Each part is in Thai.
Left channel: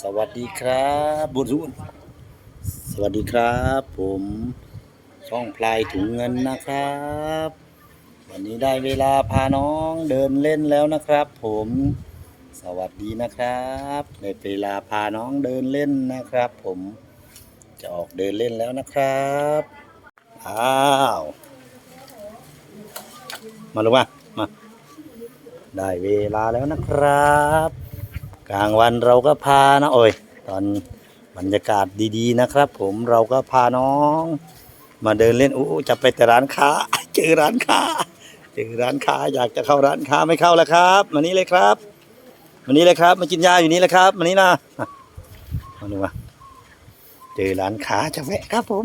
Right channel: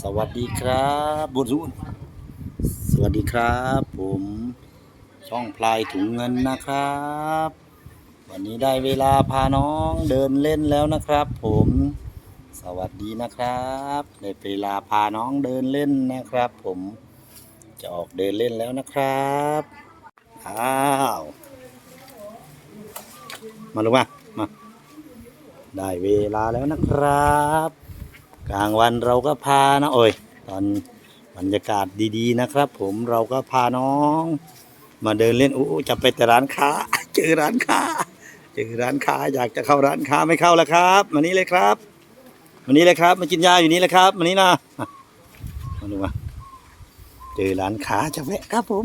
สวัสดีครับบุญรุนสวัสดีครับ ผมช่องพลายถุงเงินนะครับ วันนี้ได้เวลาพาน้องเดินเล่นแล้วนะครับ ผมสวัสดีนะครับได้เวลาพาน้องเดินเล่นนะครับ ผมจะออกเดินเล่นแล้วนะครับอ้าวมาลงมามาได้เวลาแล้วนะครับ กลางวันเราก็พานะโอ้ยตอนบรรยากาศดีๆนะครับ ผมเราก็พาน้อง มาเดินเล่นอู้จะไปแต่ร้านค้า เจอร้านค้า เจอร้านค้าอยากจะเข้าร้านค้าไม่เข้าแล้วครับมานี้เลยครับมานี้เลยครับ มากินยาอยู่นี่เลยครับมานี้นะอะมาดูมาเจอร้านค้าจะแวะครับผม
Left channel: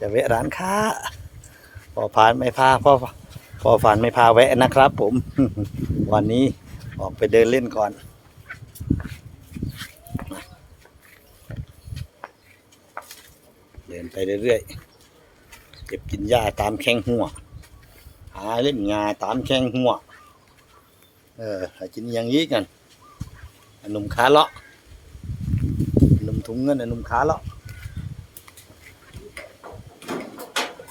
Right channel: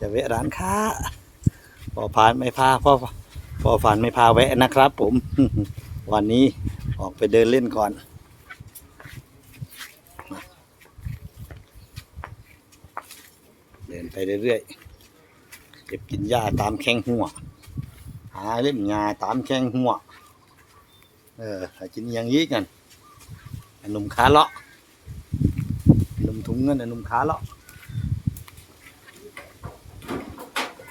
จะแวะร้านค้าพอผ่านไม่พาพอพอฝันไม่พาแวะนะครับ ผม วันนี้ออกไปเดินเล่นก่อน เดิน ไปเรื่อยๆ เก็บกินหญ้าตามแข้งหัว หาเล่นงาตามแข้งหัว เออหากินอยังยี้กันอนหนุ่มขาเลาะหนุ่มถุงเงินอนหนุ่มขาเลาะ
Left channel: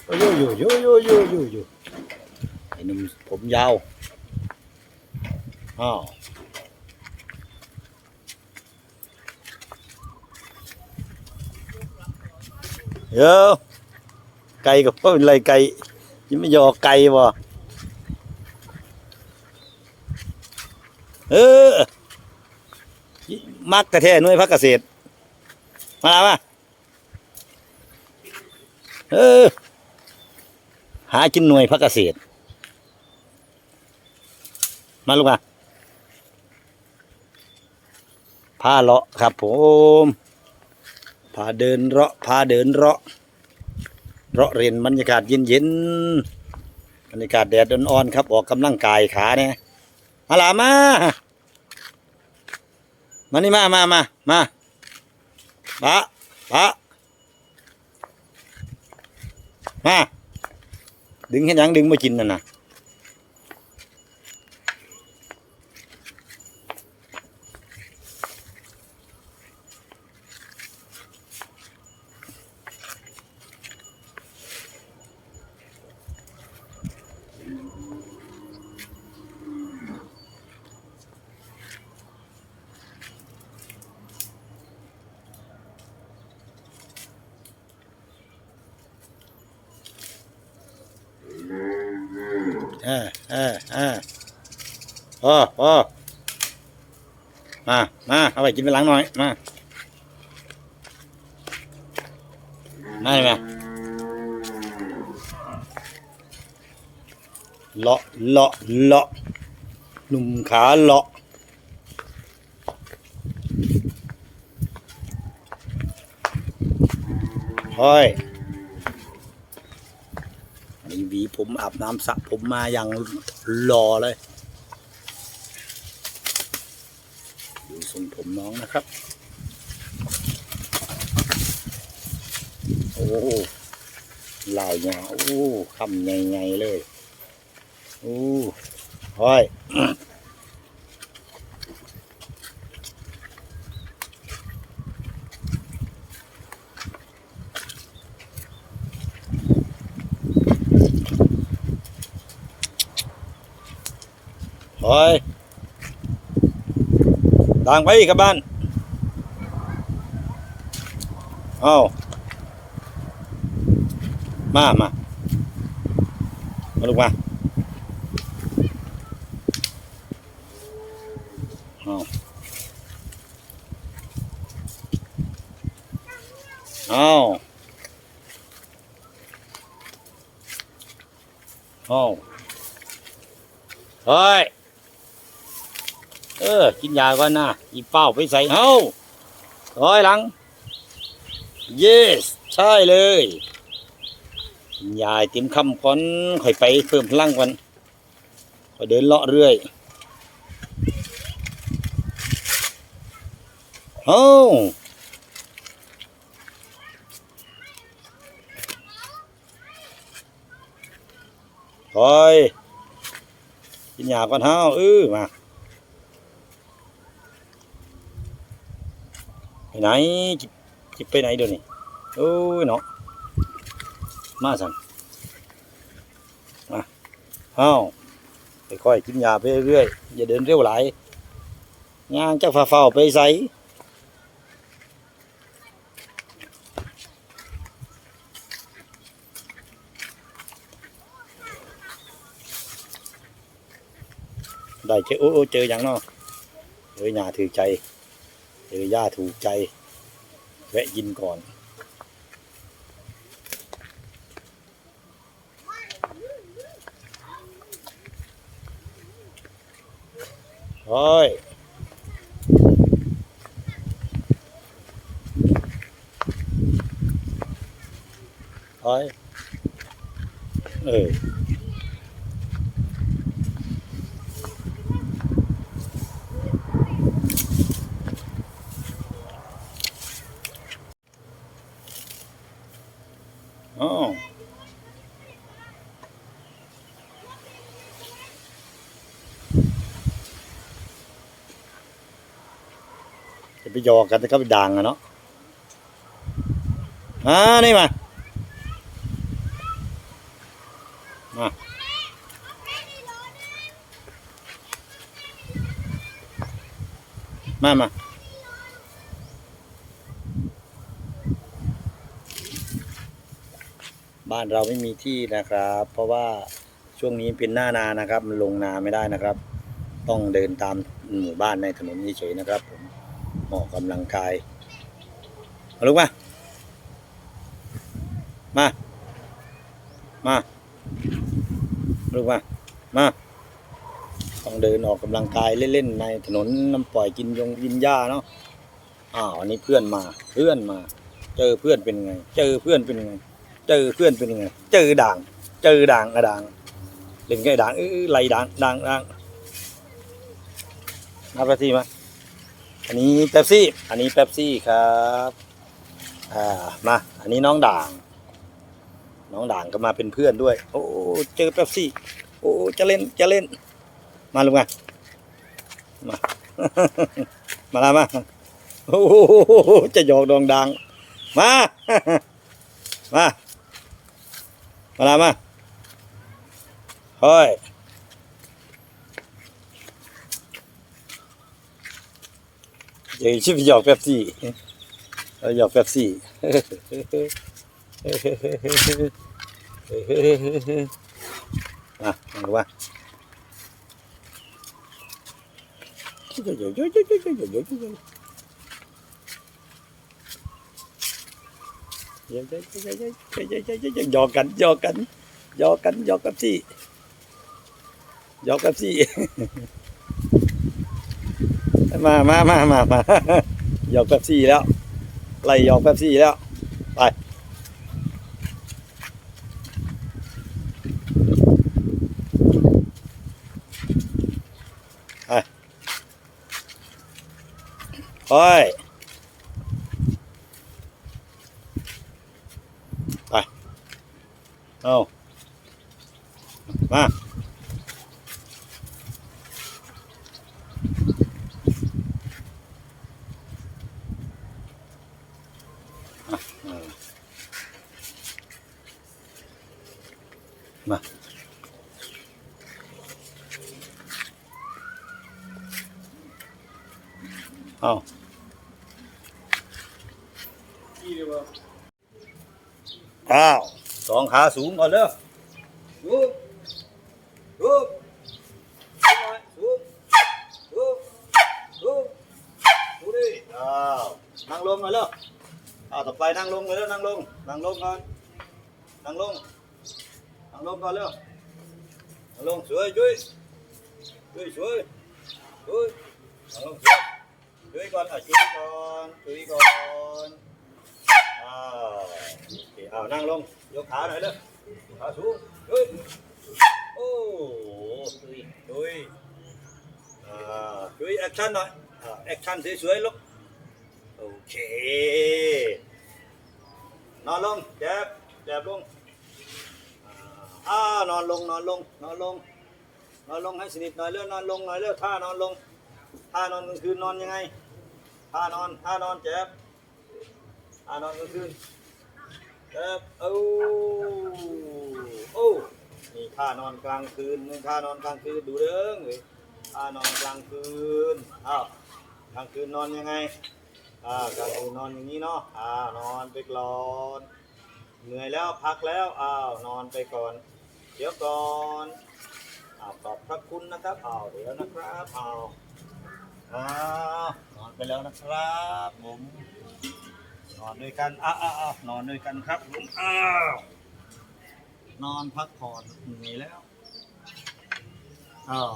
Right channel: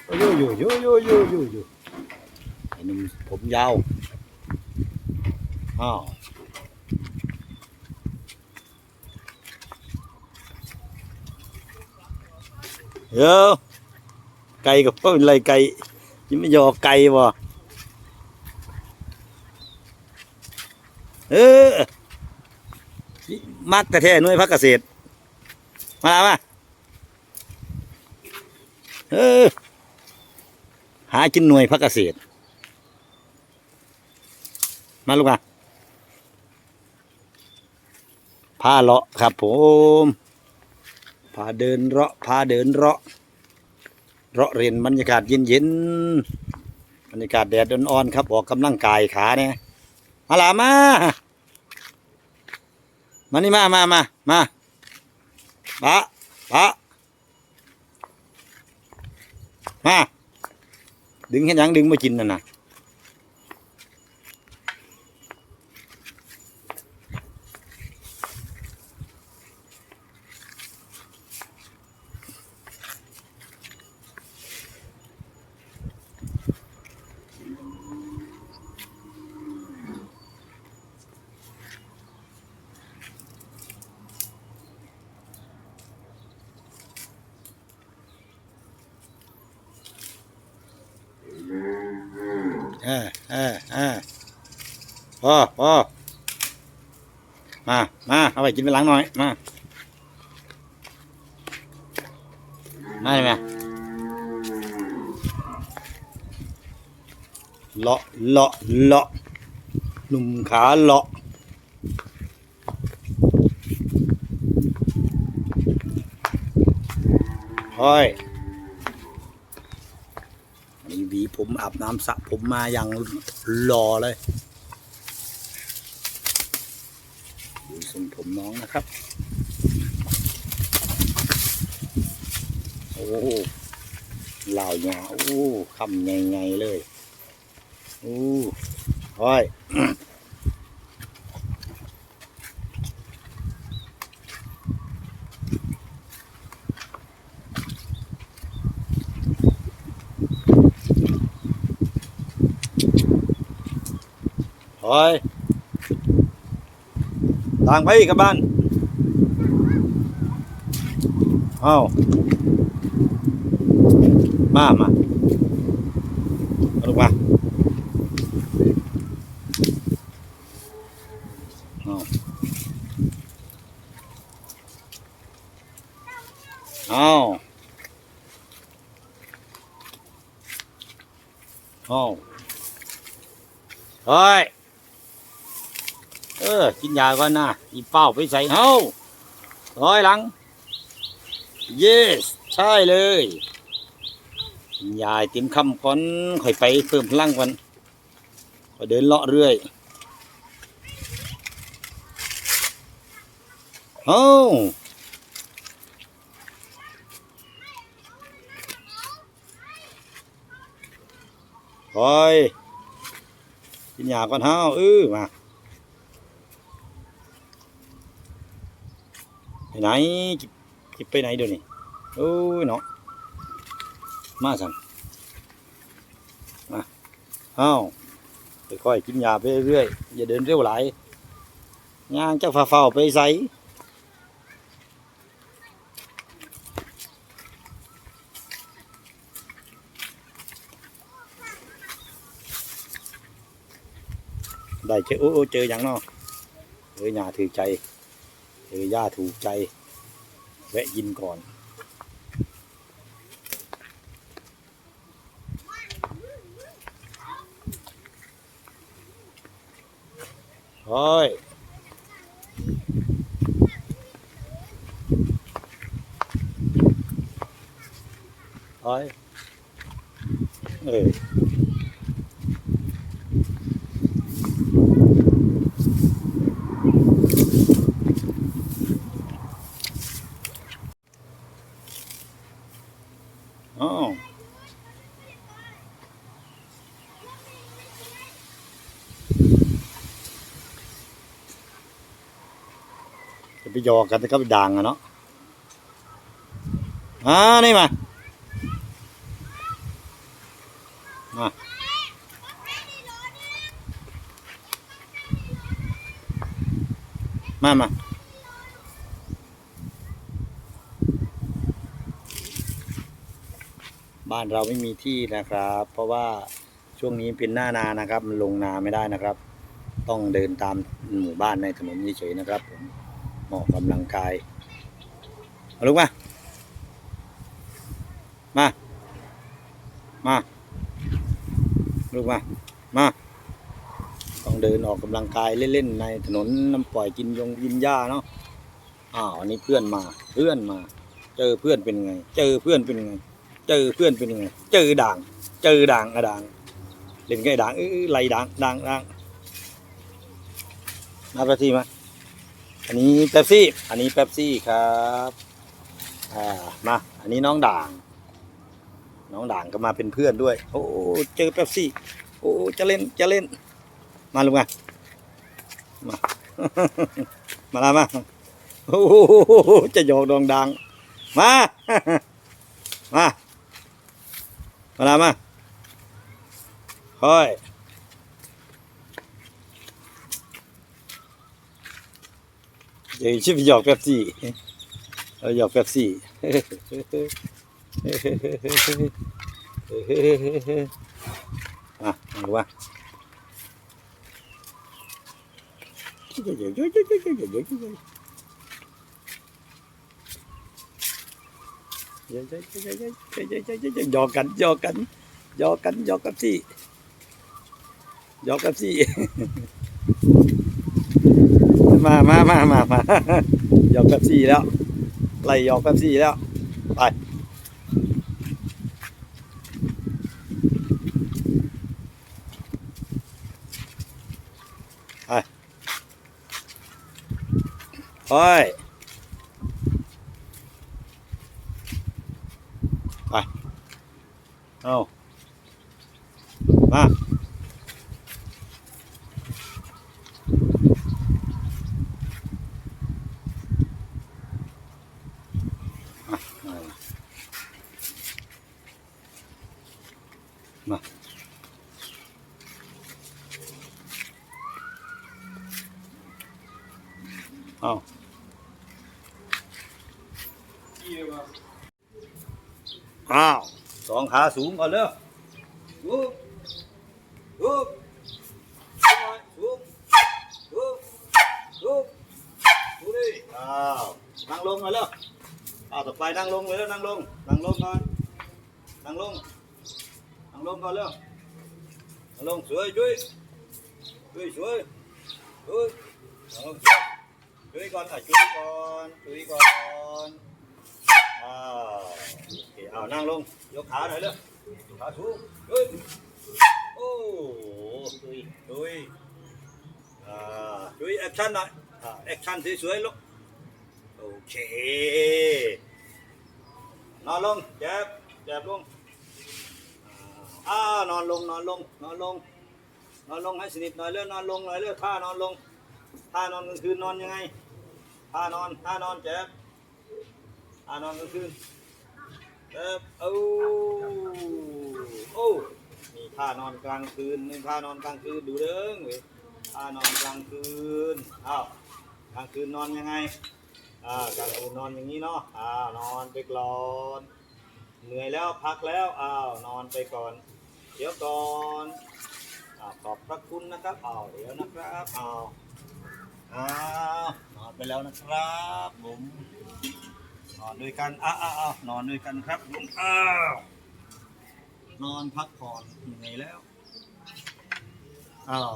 โอ้ยโยโยโยโยโยโยโยไอ้หนุ่มผมยาวอ้าว เดี๋ยวไก่กับพ่อเป็นไรไก่ยังไม่ยอไก่บ่เออ มักแต่แท้หน่วยพักเกษตร มาแล้วมาเออ หากินหน่วยพักเกษตร มาลูกมาพาเลาะครับผม พาเดินเลาะพาเดินเลาะเลาะเรียนบรรยากาศเย็นๆบรรยากาศแดดอ่อนๆครับออกกำลังกายขาเนี่ยมาลามามานี่มามามามาปะปะมาดึงเห็นยังดึงมากินน่ะนะ เออเออเออพอพอ มา มา เอาไปกินไปล้างหน่อย มา มาเลยไหมเลาะ เลาะ เลาะ หนุ่มขาเลาะห้อยนี่หวีผมอาบน้ำสระผมมาอย่างหล่อเลย ดูทรงผมน้องนะครับ โอ้เหล่าหยาโอ้คำใหญ่ๆเลย โอ้ห้อยโอ้ย ต่างไปอีกกับบ้านเอามามามาลูกมาเอาเอาเอาเฮ้ย เออ กินยาก่อนนะอีเป้าไปใส่เฮ้าร้อยหลัง yes ใช่เลยยาเต็มคำก่อนค่อยไปเพิ่มพลังก่อนค่อยเดินเลาะเรื่อยเฮ้าคอยกินยาก่อนเฮ้าเออมา ไหนจิจิไปไหนเดี๋ยวนี้โอ้ยเนาะมาสั่นมาเอ้าค่อยกินยาไปเรื่อยอย่าเดินเร็วหลายย่างจะฝ่าๆไปใส่ได้เจอโอ้เจออย่างเนาะเจอยาถือใจ จอย่าถูกใจ แวะยินก่อนโอ้ยโอ้ยเออจะ ไปยอกกันแต่ก็ไปด่างอะเนาะอ่านี่มา มามามาบ้านเราไม่มีที่นะครับ เพราะว่าช่วงนี้เป็นหน้านานะครับ มันลงนาไม่ได้นะครับ ต้องเดินตามหมู่บ้านในถนนเฉยๆนะครับผม เหมาะกำลังกายมาลูกมา มา มาลูกมา มา ต้องเดินออกกำลังกายเล่นๆในถนนน้ำปล่อยกินยงกินหญ้าเนาะ อ้าวอันนี้เพื่อนมา เพื่อนมา เจอเพื่อนเป็นไง เจอเพื่อนเป็นไง เจอเพื่อนเป็นไง เจอด่าง เจอด่างอะด่างเล่นไงด่างเอ้ยไหลด่างด่างด่างมาแป๊บซี่มา อันนี้เป๊ปซี่ อันนี้เป๊ปซี่ครับ อ่า มา อันนี้น้องด่าง น้องด่างก็มาเป็นเพื่อนด้วย โอ้เจอเป๊ปซี่ โอ้จะเล่น จะเล่น มาลุงมามา มาละมา โอ้จะหยอกดองดัง มา มา มาละมาเฮ้ย เดี๋ยวชิบหยอกแป๊บซี่เอาหยอกแป๊บซี่มามาดูว่าหยอกกันหยอกกันหยอกกันหยอกกับซี่หยอกกับซี่ มามามามามาหยอกกับซี่แล้วไล่หยอกกับซี่แล้ว ไปโอ้ยไป เอามา อาอ้าวสองขาสูงก่อนเลยสูงสูงสูงสูงสูงสูงดิอ้าวนั่งลงก่อนเลยอ้าวต่อไปนั่งลงเลยแล้วนั่งลงนั่งลงก่อนนั่งลงนั่งลงก่อนเร็วนั่งลงสวยช่วยช่วยช่วยช่วยนั่งลงสวย ช่วยก่อนอะช่วยก่อนช่วยก่อนอ้าวโอเคอ้าวนั่งลงยกขาหน่อยเลยยกขาสูงช่วยโอ้ช่วยช่วยอ่าช่วยแอคชั่นหน่อยอ่าแอคชั่นสวยๆลูกโอเคนอนลงแจ็บแจ็บลงอ่านอนลงนอนลงนอนลงนอนลงให้สนิทหน่อยเรื่อนอนลงหน่อยเรื่อท่านอนลงท่านอนกลางคืนนอนยังไง ท่านอนท่านอนเจ็บอ่านอนกลางคืนเอ๊บโอ้โอ้นี่ท่านอนกลางคืนนี่ท่านอนกลางคืนดูเด้งเลยท่านอนกลางคืนอ้าวกลางคืนนอนยังไงอ่ากลางคืนนอนอย่างนี้เนาะอ่านอนไปก่อนเหนื่อยแล้วพักแล้วอ้าวนอนไปก่อน เดี๋ยวก่อนอ้าวขอบพระคุณนะครับอ้าวเดี๋ยวนะครับอ้าว อ้าวนอนไปแล้วนะครับผมนอนด้วยกันอ้าวอ้าวอ้านอนด้วยกันครับผมอ้าวนอนพักผ่อนเหนื่อยแล้วอ้าว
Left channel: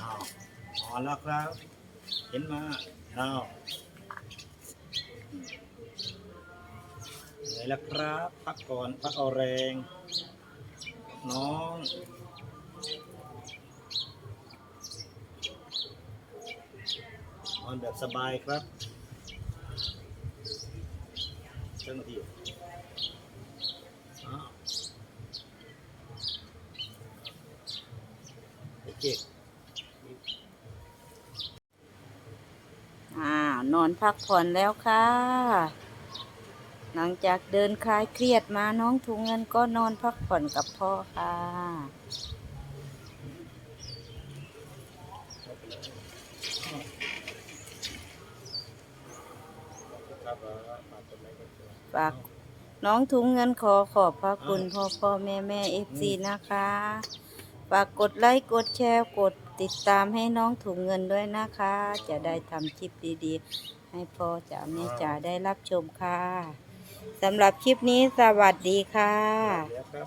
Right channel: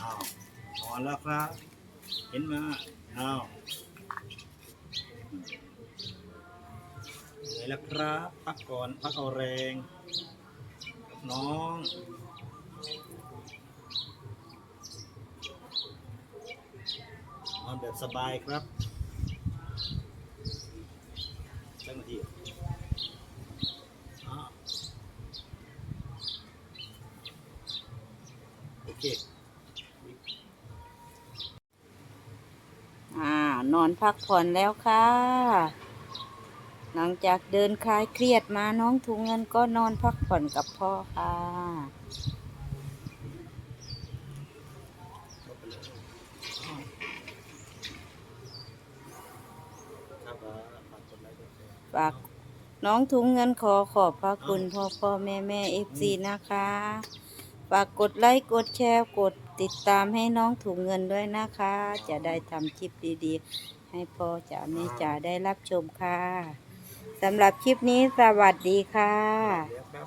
อ้าวนอนแล้วครับ เห็นไหมาอ้าวเหนื่อยแล้วครับ พักก่อนพักเอาแรง น้อง นอนแบบสบายครับเจ้าหน้าที่โอเคอ่านอนพักผ่อนแล้วค่ะ หลังจากเดินคลายเครียดมาน้องถุงเงินก็นอนพักผ่อนกับพ่อค่ะ เข้าไปเลยครับอ่า ฝากกดไลค์กดแชร์ฝากน้องถุงเงินขอขอบพระคุณพ่อพ่อแม่แม่เอฟซีนะคะ ฝากกดไลค์กดแชร์กดติดตามให้น้องถุงเงินด้วยนะคะ จะได้ทำคลิปดีๆ ให้พ่อจ๋าแม่จ๋าได้รับชมค่ะสำหรับคลิปนี้สวัสดีค่ะเดี๋ยวครับ